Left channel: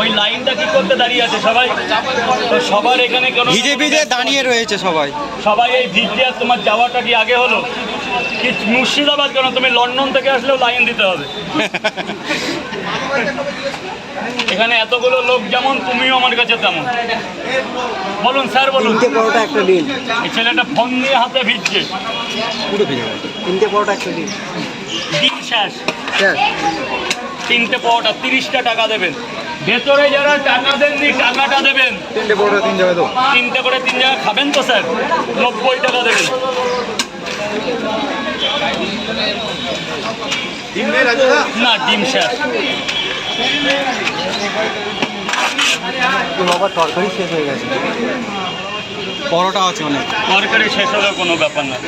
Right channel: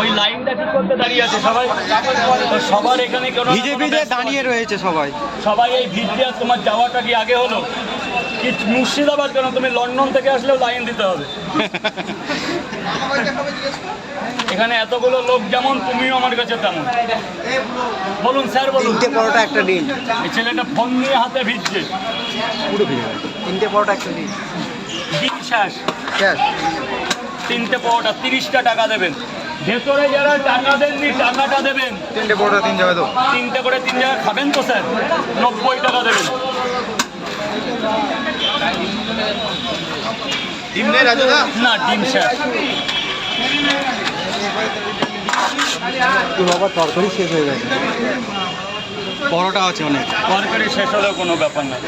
ওই লাইনটা কি করতে দাঁড়িয়ে আছে সবাই? সবার এখানে ভিজে ভিজে দাঁড়িয়ে রয়েছে সবাই। সবাই এই ভিজে। তোমার যাওয়াটা কি আগে হলো কি মুর্শিদাবাদ? কেন তুমি লন্ডন থেকে আসলেও লাইন দিতে হবে। এখানে এতগুলো লোক যেমন, তুমিও আমার কাছে তেমন। বলুন স্যার, বলুন। একটা ডিল। এই ছেলেটা ফোন নিয়ে হাতে ভিজছে, পুরো ভিজে গেছে। 3টে পরোটা একটা ডিল। দিন শেষ। স্যার 3টে পরোটা 30টা টাকা দেবেন। ভেতরে যারা টাকা দেননি টাকাটা দেবেন। 3টে পরোটা 3 জায়গায় তো। 3টে করে 3 জায়গায় খাবেন তো স্যার? 90 টাকা দেবেন। না, ডিম শেষ। বাবা তরকারি শেষ হয়ে গেছে। পরোটা আছে অনেক। তরকারি শেষ হলেও কোনো ব্যাপার না,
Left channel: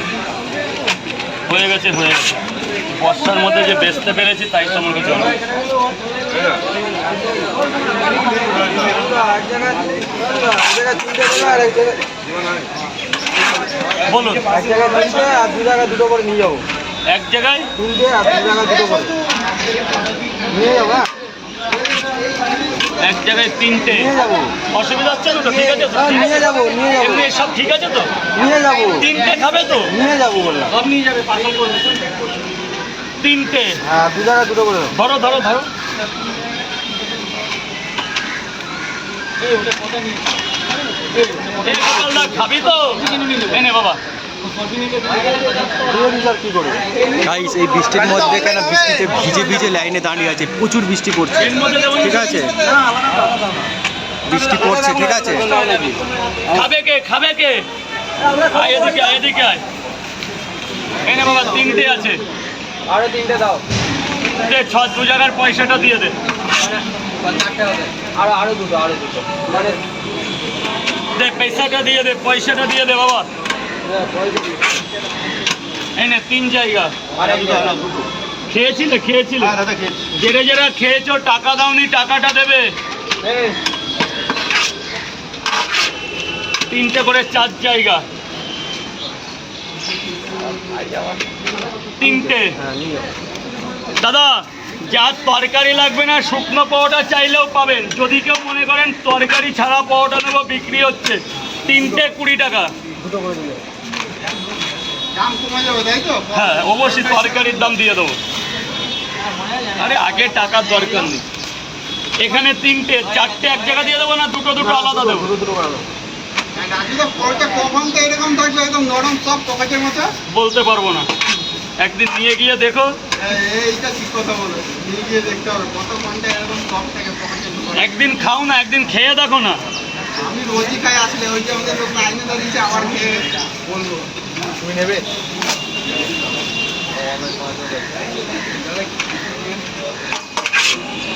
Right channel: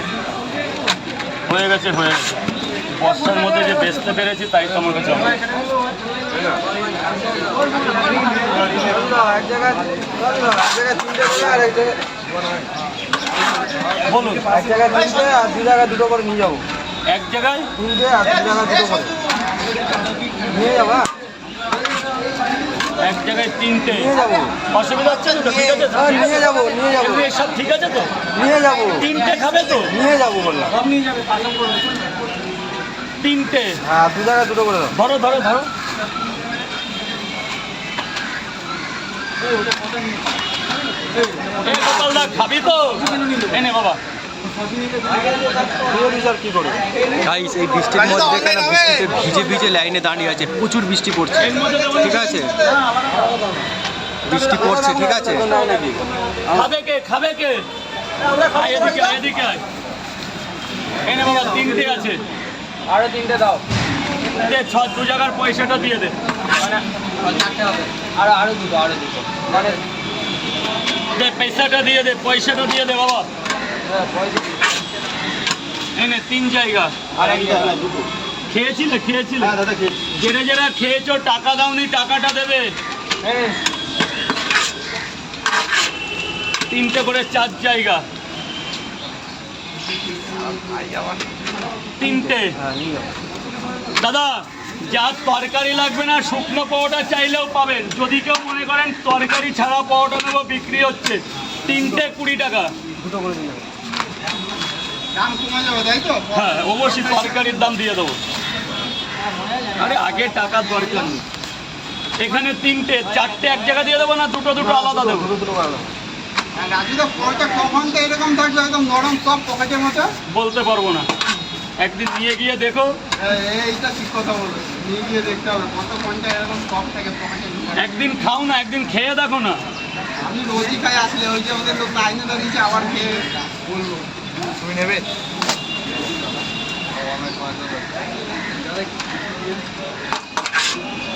হয়ে গেছে হয়ে গেছে। বর্ষার মধ্যে যে বেচতে পেরেছি তাই তো আমার কাছে অনেক। বলুন। এক জায়গায় 3টে আর 2 জায়গায় 2টো করে নিয়ে যাবো। এক জায়গায় 3টে আর 2 জায়গায় 2টো করে নিয়ে যাবো। এক জায়গায় 3টে নিয়ে যাবো। অসুবিধা হচ্ছে না তো? ঠিক আছে তো? হ্যাঁ, নিয়ে যাবো নিয়ে যাবো এমনি সব ঠিক আছে তো? নিয়ে যাবো 3টে খাবে তো? নিয়ে যাবো বললাম। সব নিয়ে যাবে। 3টে আর 2 জায়গায় 2টো করে দাও। ধরো ধরো ধরো। এই গোপালদা খাবি তো? এনে বাবা। স্যার কি করবে? গাইস এই বৃষ্টির মধ্যে কেন বৃষ্টিতে ভিজে ভিজে লাইনে দাঁড়িয়ে আছে, প্রচুর বৃষ্টি পড়ছে। এর মধ্যে দেবো ঠিক আছে, বৃষ্টি পড়ছে, ঠিক আছে। খাবে কে? খাবে কে? আয় এদিকে, আয় এদিকে আয়। এনে বাবা 3টে আছে। আরো 3টে দাও। দে 2 জায়গার পয়সাটা দিয়ে দে। আরো দুটো মানে দে পয়সাটা দিয়ে দে, পয়সাটা দিয়ে দে বাবা। এনে 3 জায়গা। খেয়েছিলে? খেয়েছিলে? যেটা যেটা খেয়েছো টাকা দাওনি, টাকাটা দেবে। 3টে করে 4 জায়গা। 3টে। দাদা, যার তরকারি লাগবে না শুকনো পরোটা চাইলেও পাবেন। যদি কেউ মনে করেন তরকারি ছাড়া পরোটা নেবো, বিক্রি হচ্ছে। 3টে 20 টাকা। দুটো করে দিও। হ্যাঁ অবশ্যই তরকারির দাম দিয়ে দেবো। আরে আগে টাকার দরকার নেই। এখানে 3টে, 4টে এক জায়গা দিয়ে দেবো না দুটো দুটো আলাদা দেবো? দুটো করে দাও। বলতে পারবো না, একদিন নিয়ে গিয়ে দেখো। একদিন খাও না, একদিন খেয়ে দেখো না। আমি রোজই খাই আসলে, ওই যে আমাদের লোক লাইনে দাঁড়িয়েছে, আবার খেয়ে বলবো নেবে।